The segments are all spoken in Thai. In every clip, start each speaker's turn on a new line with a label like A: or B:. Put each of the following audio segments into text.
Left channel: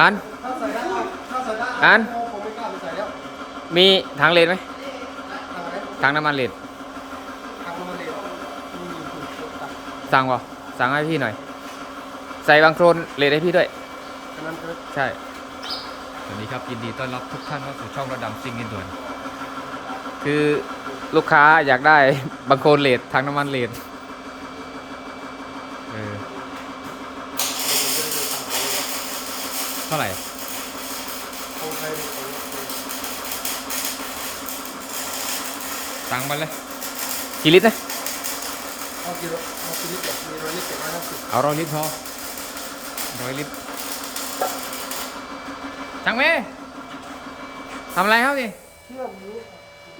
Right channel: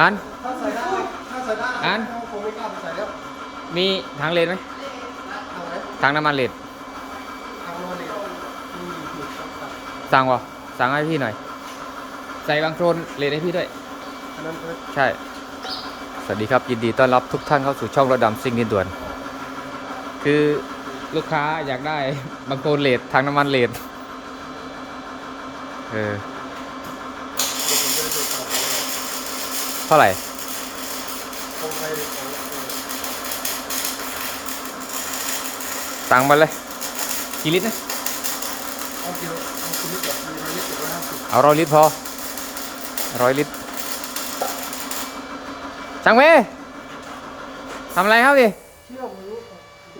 A: อัน
B: ถ้าใส่ได้ถ้าใส่ได้
A: อัน
B: ผมไม่กล้าไปใส่แล้ว
A: มีทางเลนไหม
B: ทางไหน
A: ทางน้ำมันเลน
B: ทางน้ำมันเหลวอืมถูกตัด
A: สั่งวะสั่งให้พี่หน่อย ใส่บางโครนเลนให้พี่ด้วย
B: ฉะนั้นก็
A: ใช่ สวัสดีครับ ยินดีต้อนรับทุกท่านเข้าสู่ช่องระดำซิ่งดินด่วน คือลูกค้าอยากได้บางโครนเลดทางน้ำมันเลดเออ
B: เดี๋ยวผมจะได้เจอข่าวไปเลย
A: เท่าไหร่
B: คงไทยเลยของเออ
A: สั่งมาเลยกี่ลิตรนะ
B: เอากิโลเอากิลิตรแบบมีร้อยลิตรกับร้อยห้าสิบ
A: เอาร้อยลิตรพอร้อยลิตรช่างเมย์ทำอะไรครับดิ
B: เที่ยวหมู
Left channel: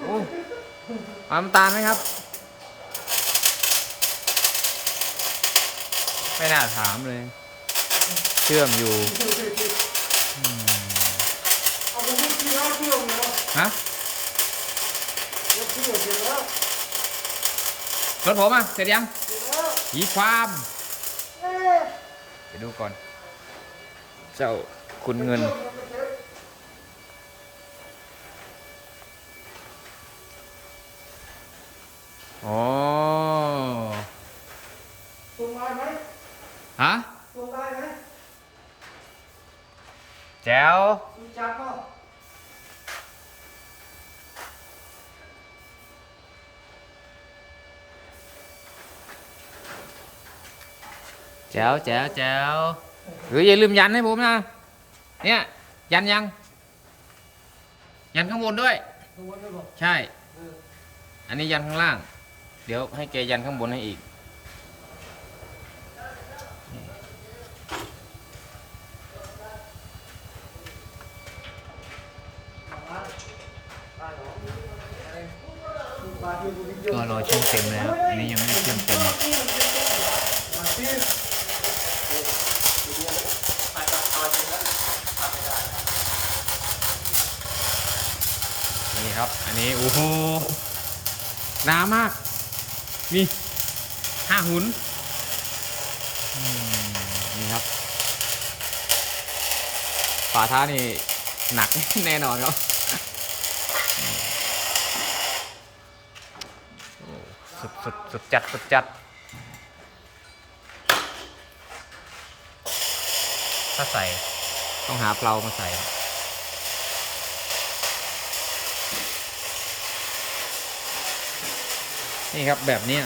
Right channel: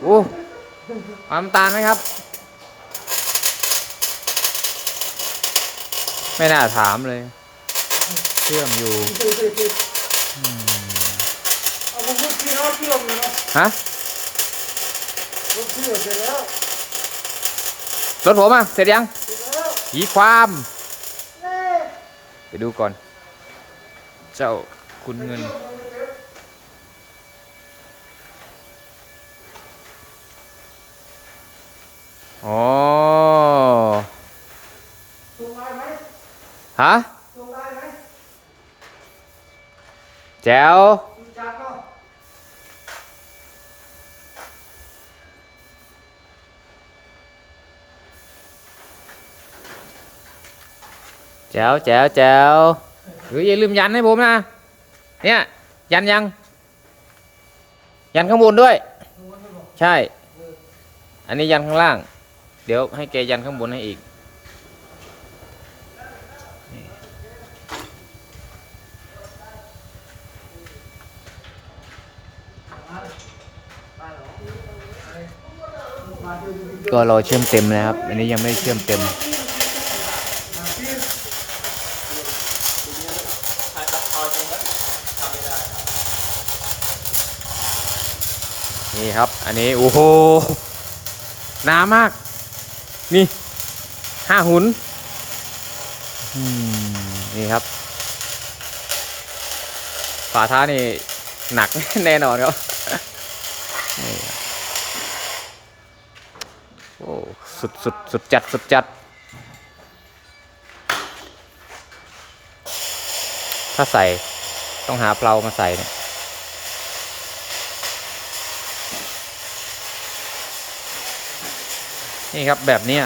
A: อู้เอาน้ำตาลไหมครับ ไม่น่าถามเลย เชื่อมอยู่
B: เอาผมพูดที่แล้วที่ลงเลยเนาะ
A: ฮะ
B: รถที่เสร็จแล้ว
A: รถผมอะเสร็จยัง
B: เสร็จแล้ว
A: ผีความ
B: แม่
A: ไปดูก่อน เจ้าคุณเงินอ๋อ
B: ส่งได้ไหม
A: ฮะ แจ๋ว
B: มีจัดเนาะ
A: แจ๋วแจ๋วแจ๋วหรืออย่าลืมยันให้ผมนะ เนี่ย ยันยัง ยันข้างบนด้วย ใช่ อันนี้ยันข้างล่าง เดี๋ยวให้แกยันข้างบนให้อีก ก็รอเชื่อมเต็มนะครับ อันนี้ยังไม่เชื่อมเต็ม นี่ครับ อันนี้ โอ้โหหนามาก นี่ห้าหุนนี่ครับ ฝาท้านี่หนักแน่นอนครับ โอ้สุดสุดสุดจัดสุดจัด ถ้าใส่ต้องหาเปลามาใส่เนี่ยนี่ครับแบบนี้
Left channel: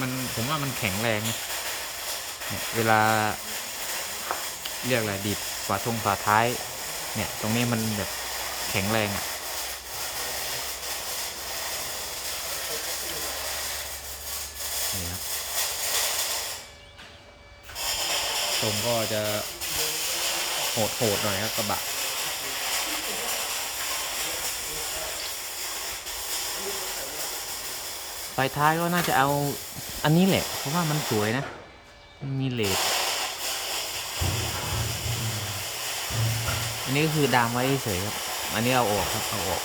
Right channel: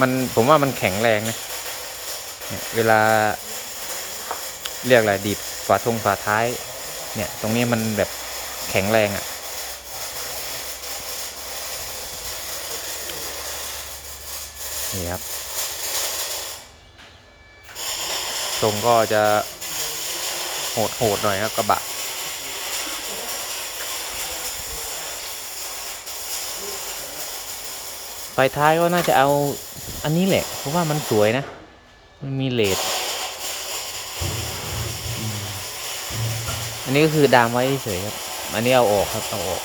A: มันผมว่ามันแข็งแรงนะเนี่ยเวลา เรียกอะไรดีดฝาทงฝาท้าย เนี่ย ตรงนี้มันแบบแข็งแรงอะ่ะ นี่ครับทรงก็จะโหดโหดๆหน่อยครับกระบะ ไฟท้ายก็น่าจะเอาอันนี้แหละ เพราะว่ามันสวยนะ มันมีเลดอันนี้ก็คือดามไว้เฉยครับ อันนี้เอาออกครับ เอาออก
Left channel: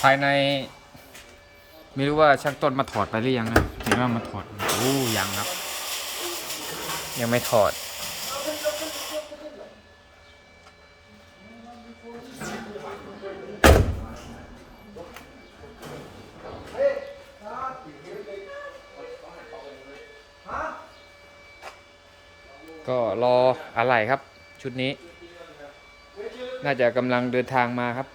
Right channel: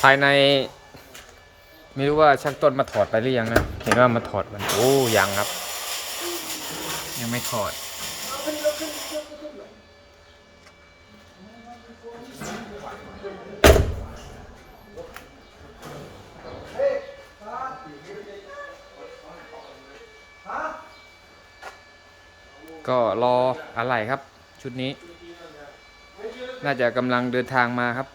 A: ภายใน ไม่รู้ว่าช่างต้นมาถอดไปหรือยังนะเห็นว่ามาถอดมันโอ้ยังครับ ยังไม่ถอด ก็รออะไรครับ ชุดนี้ น่าจะกำลังเดินทางมาครับ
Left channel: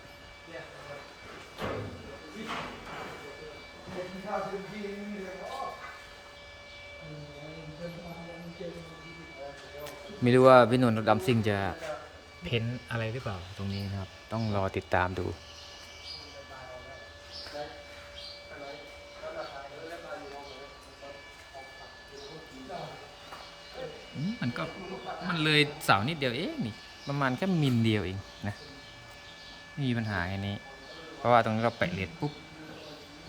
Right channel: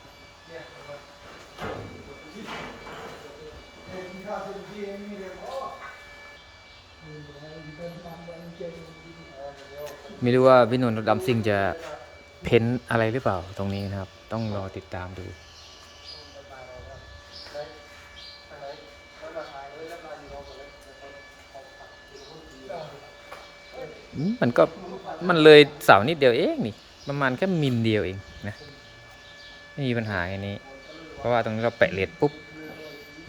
A: ไม่รู้ว่าพี่นนท์ดำซิ่งจะเพ้นอะไรหรือเปล่าตรงนี้นะครับ ต้องรอติดตามดูมมันก็มันเลยเสานิดเดียวเองนี่ประมาณแค่มิลเดียวเองนะไม่มีปัญหาแค่นี้ เพราะว่าตรงนี้เราแปะเลดปุ๊บ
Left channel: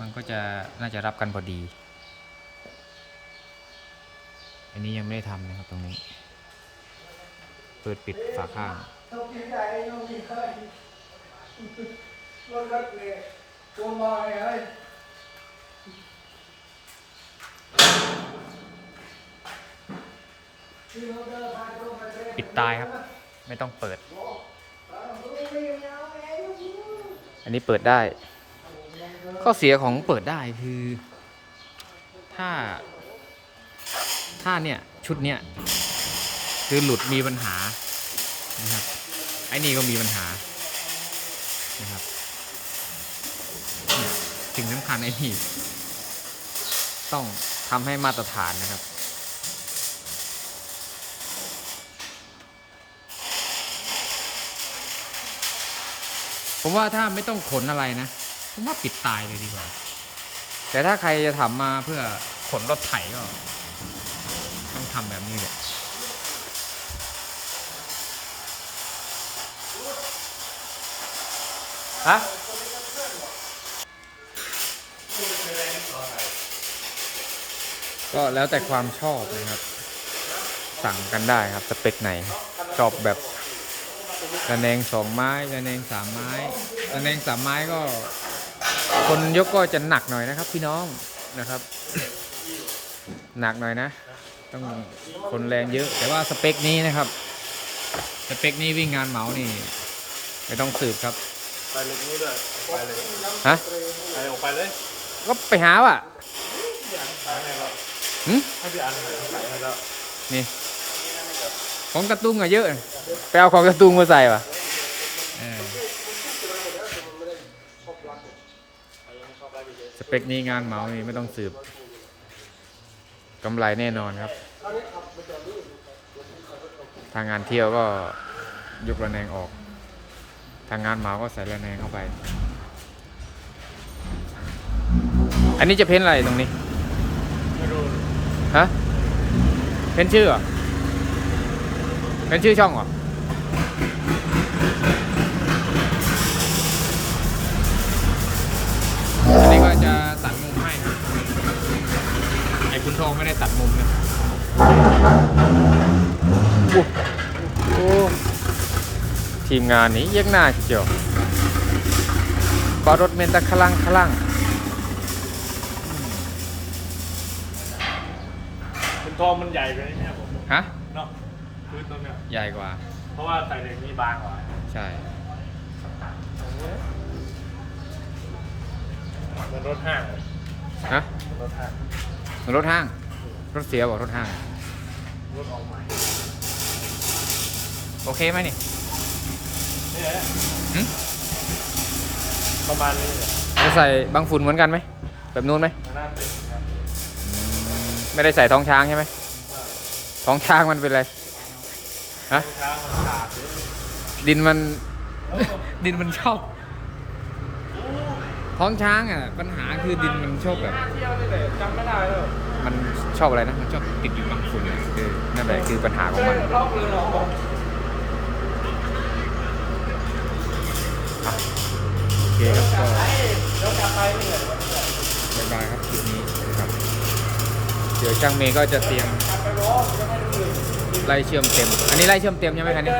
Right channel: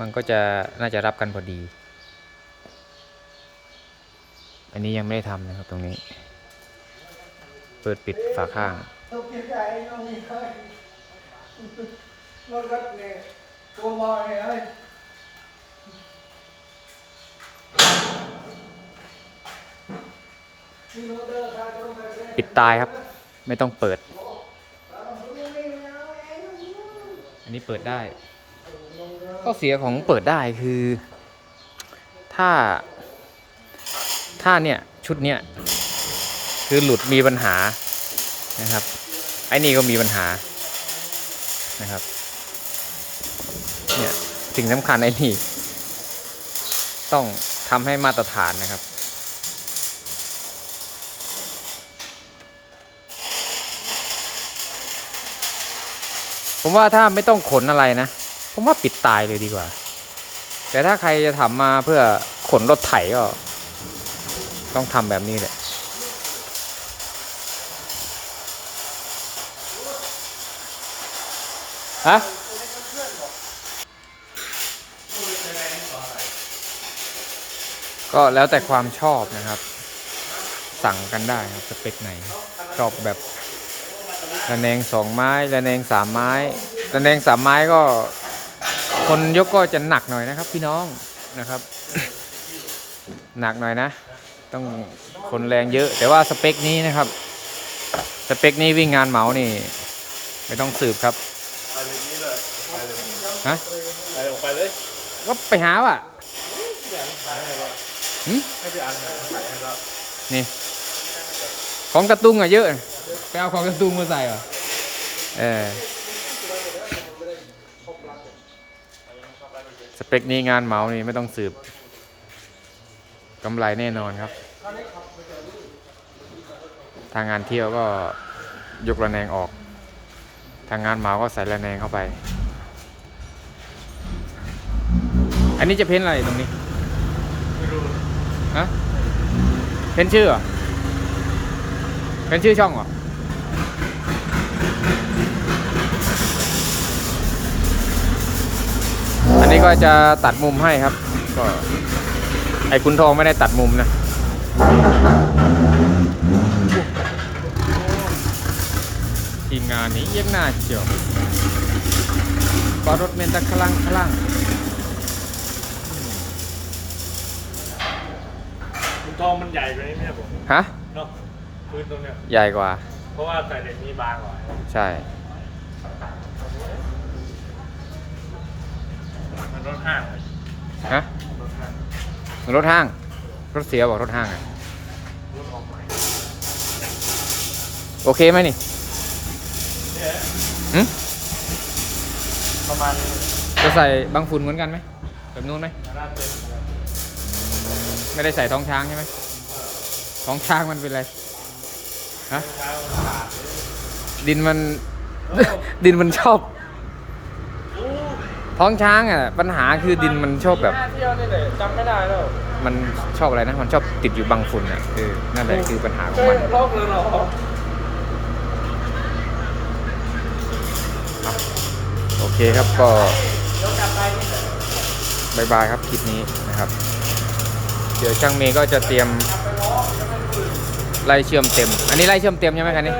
A: มันก็จะน่าจะรับกันพอดี อันนี้ยังไม่ได้ทำนะครับตรงนี้ ปิดปิดฝาข้าง ปิดตายครับ ไม่ต้องเปิด อันนี้เปิดได้ ข้อเสียของเปิดได้คือ ถ้า ถ้าเนี่ย ชุดเนี้ย คือหลุดมีปัญหานะครับ ไอ้นี่ก็มีปัญหานะครับ เนี่ยสิ่งสำคัญไอ้นี่ ต้องทำให้มาตรฐานนะครับผมว่าถ้าไม่ต้องขนอะไรนะ ผมว่าปิดตายเลยดีกว่า แต่ถ้าใครจะทำมาเพื่อขนรถไถก็ ต้องทำแบบนี้แหละ ฮะก็แล้วแต่ความชอบนะครับ สั่งกันได้ครับสเปคไหน ชอบแบบระแนงสองไม้ระแนงสามไม้ระแนงสามไม้ก็ คนยกก็จะหนักหน่อยนะครับ พี่น้องนะครับ หนักหน่อยนะ ต้องคนแรงเยอะ แต่ว่าสเปคนี้นะครับ สเปคนี้วิ่งงานเหมานี่ ไม่ต้องสืบครับ
B: ไปเลยนี่เลยไปเลย
A: ฮะ
B: ไปเลยออกไปเลย
A: ก็ไปหาว่ะ
B: พี่อ่านหาให้เรา
A: หึ
B: ให้พี่อ่านหาให้เรา
A: นี่ ของกระตุ้งอะเยอะไปเอาของกระตุ้งมาใส่ป่ะเออสเปคนี้งานเหมานี่ไม่ต้องสืบกำไรแน่นอนครับ ทางงานเที่ยวก็ยกระแนงออก ทางงานเหมาก็ใส่ระแนงเข้าไป อันนี้จะเพ้นอะไรตรงนี้
B: ไม่รู้
A: ฮะเพ้นชื่อเหรอเป็นชื่อช่องเหรออันนี้ก็จะตัดมุมให้ครับ ก็ไอ้คุณทองไม่ได้ตัดมุมนะอุ๊ยทีมงานนี้เยี่ยงหน้าเจียวบารถเมนตะคลังคลัง
B: คุณ ทองมันใหญ่กว่านี้เนี่ยผม
A: ฮะ
B: เนาะพื้นตรงเนี้ย
A: ใหญ่กว่า
B: เพราะว่าแต่เหล็กนี่บางกว่า
A: ใช่
B: มันรถห้างเลย
A: ฮะ
B: รถห้าง
A: รถห้าง รถเสียบอกรถห้างอะ
B: รถออกใหม่
A: โอเคไหมนี่
B: เนี่ย
A: หึ
B: ประมาณนี้
A: จะใส่บางฝุ่นเหมือนกันไหมแบบนู้นไหม
B: มันน่าเป็นนะครับ
A: ไม่ได้ใส่ท้องช้างใช่ไหมท้องช้างมันเป็นอะไรฮะ
B: เช้ามันขาดเลย
A: ดินมัน ดินมันชอบ ท้องช้างอะ ปัญหาคือดินมันชอบแบบ
B: หน้าเที่ยวนี่แหละจำไม่ได้แล้ว
A: มันชอบอะไรนะ มันชอบติดอยู่บางฝุ่นอะเออนั่นแหละคือปัญหาของมัน
B: ล็อกเลยเหรอ
A: อะโอเคครับก็บายบายครับคลิปนี้นะครับ เดี๋ยวช่างเมย์ก็จะเตรียมไล่เชื่อมเต็ม อันนี้ไล่เชื่อมเต็มใช่ไหมคันนี้